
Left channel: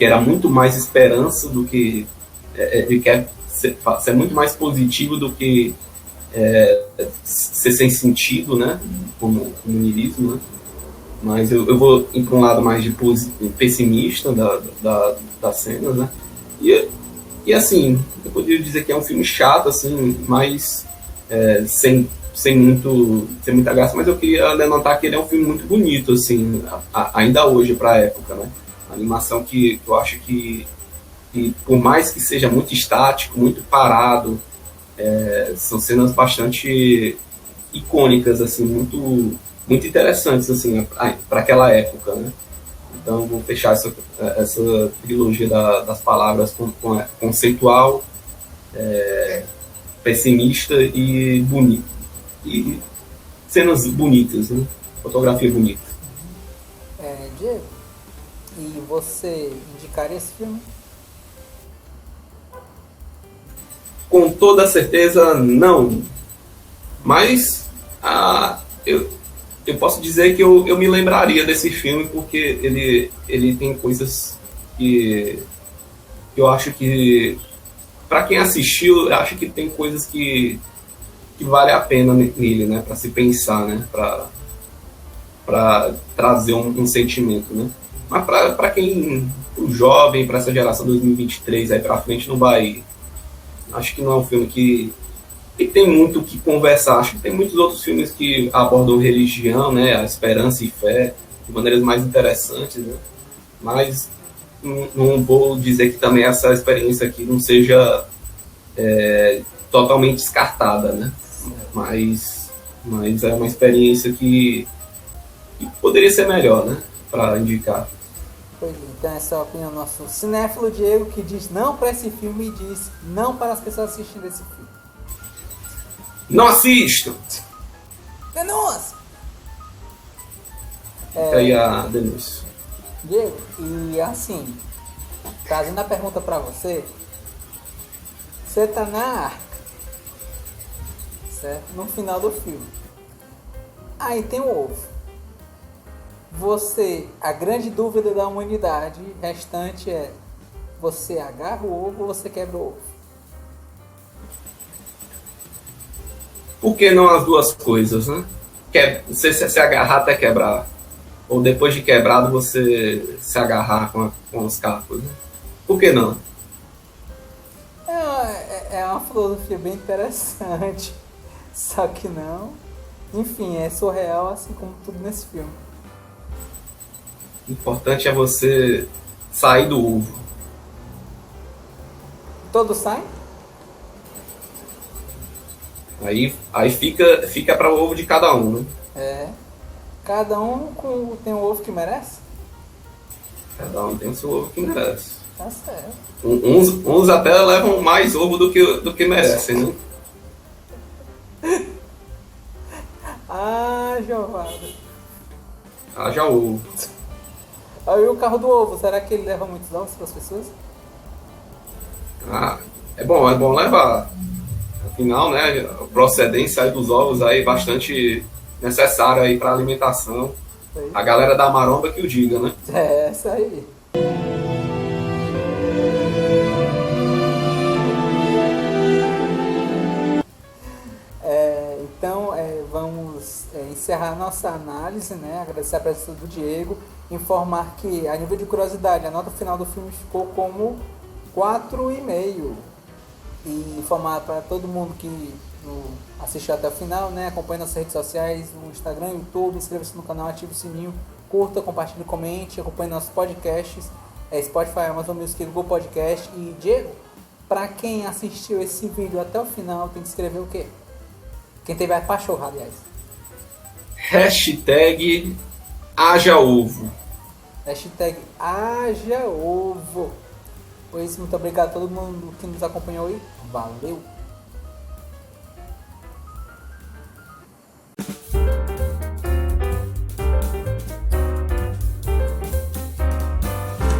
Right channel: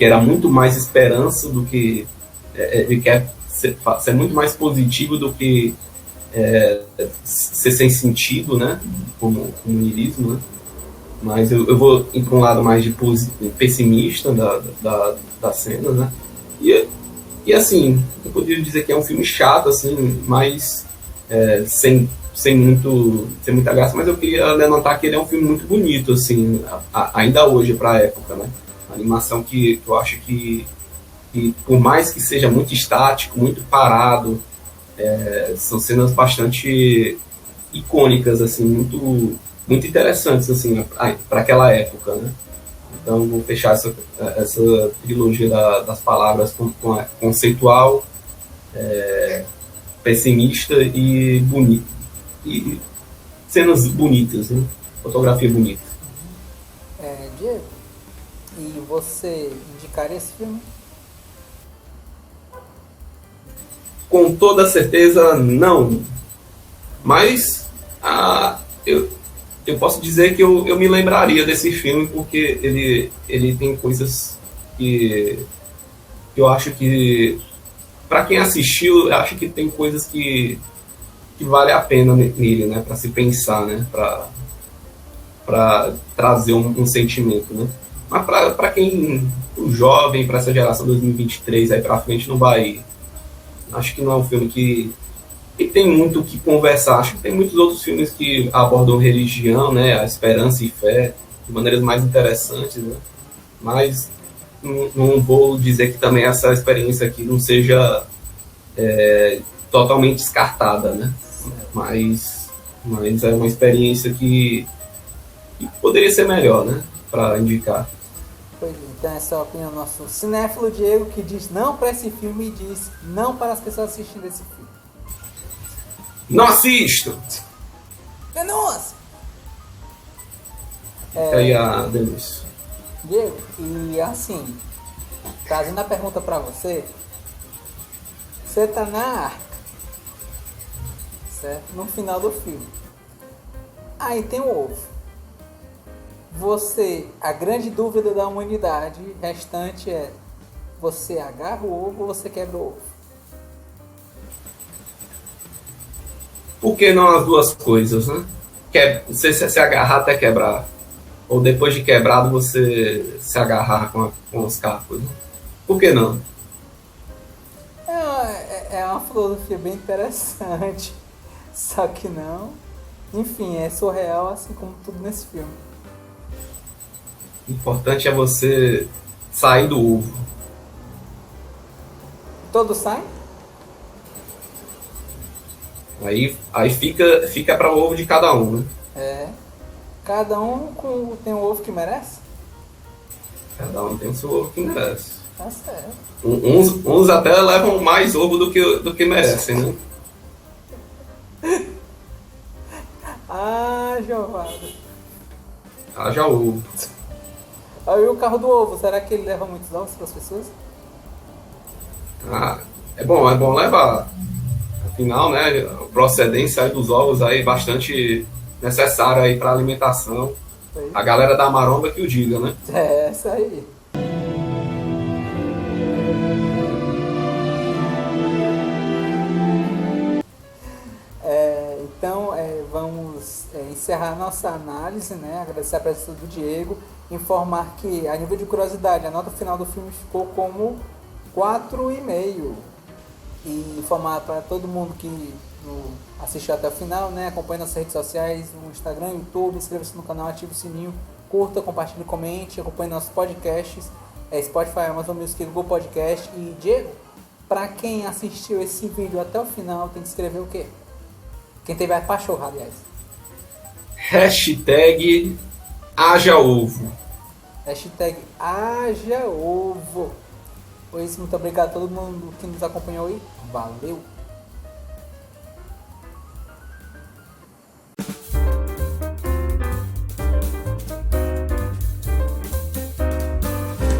era muito mais esperança do que ele quer ser muito mais positivo do que ser sem sentido, né? Como niilismo, né? Mas eu vou ir para um lado mais de pessimista da cena, né? E assim, eu poderia dizer que é um filme chato, assim, mas sem muita graça, mas eu queria levantar que ele é um filme muito bonito, assim, ainda hoje para a época, né? A animação que eu acho que por mais que seja muito estático, muito parado, são cenas bastante icônicas, assim, muito interessantes, assim, para aquela época, né? Então vou fechar essa trilogia das palavras com conceitual, pessimista e bonito. E cenas bonitas, né? Fotografia bonita. Diego, e você indicaria esse filme? Com toda certeza, não. Mas eu posso dizer que eu me lembraria desse filme porque ele tem coisas que eu acho que, para quem assistiu, eu acho que tem coisas que vale a pena nele, né? Para se pensar, né? Para trazer um sentimento, né? Mas para quem, o jovem, para essa geração 2023 aí para frente, não vai. Acho que não é um filme que tem muito o que conversar. Acho que tem muitos outros filmes que abordam religião, né, a esperança e fé de maneiras mais interessantes, né? Mas não vou dizer que também essa experiência aqui não seja totalmente descartada, né? Mas é uma experiência que poderia ser melhor, né, para indicar. Pois então essa é a opinião do nosso cinéfilo Diego, que diz não para esse filme e diz não para as pessoas assistindo esse filme. Não assistam! Denúncia! Aí a denúncia. Diego, e assim, trazendo a pergunta para você, você tá na arca, certo? No final do filme. Aí tem o ovo. A grande dúvida da humanidade restante é: você agarra o ovo ou você quebra o ovo? Por que não as duas coisas, né? Você se agarrar até quebrar. Ou depois de quebrado você se agarrar com os cacos. Né? Por que não? É uma filosofia bem interessante. Só que não. Enfim, é surreal assim como tudo nesse filme. O importante é você sair do ovo. Todos saem? Aí fica para o ovo de cada um, né? É. Cada um tem o ovo que merece? Cada um tem o seu ovo que merece. Tá certo. Uns até levam mais ovo do que merecem, né? Ah, Giovada. Haja ovo. Aí o carro do ovo, será que ele leva muitos ovos para as pessoas? Ah, é bom levar. Afinal, né, a procedência aí dos ovos aí é bastante necessária aí para alimentação. Aí. A galera da maromba que o diga, né? É essa aí. Então, vamos encerrar nossa análise, né? Agradecer a presença do Diego, informar que, a nível de curiosidade, a nota final do filme ficou como 4,5. E informar para todo mundo que assistiu até o final, né? Acompanhe nossas redes sociais, no Instagram, YouTube, inscreva-se no canal, ative o sininho, curta, compartilhe, comente, acompanhe nossos podcasts, Spotify, Amazon Music, Google Podcast. E, Diego, para quem assistiu esse vídeo até o final, tem que escrever o quê? Quem teve a pachorra, aliás. Hashtag haja ovo. Hashtag haja ovo. Pois muito obrigado a todo mundo que nos acompanhou aí. Valeu!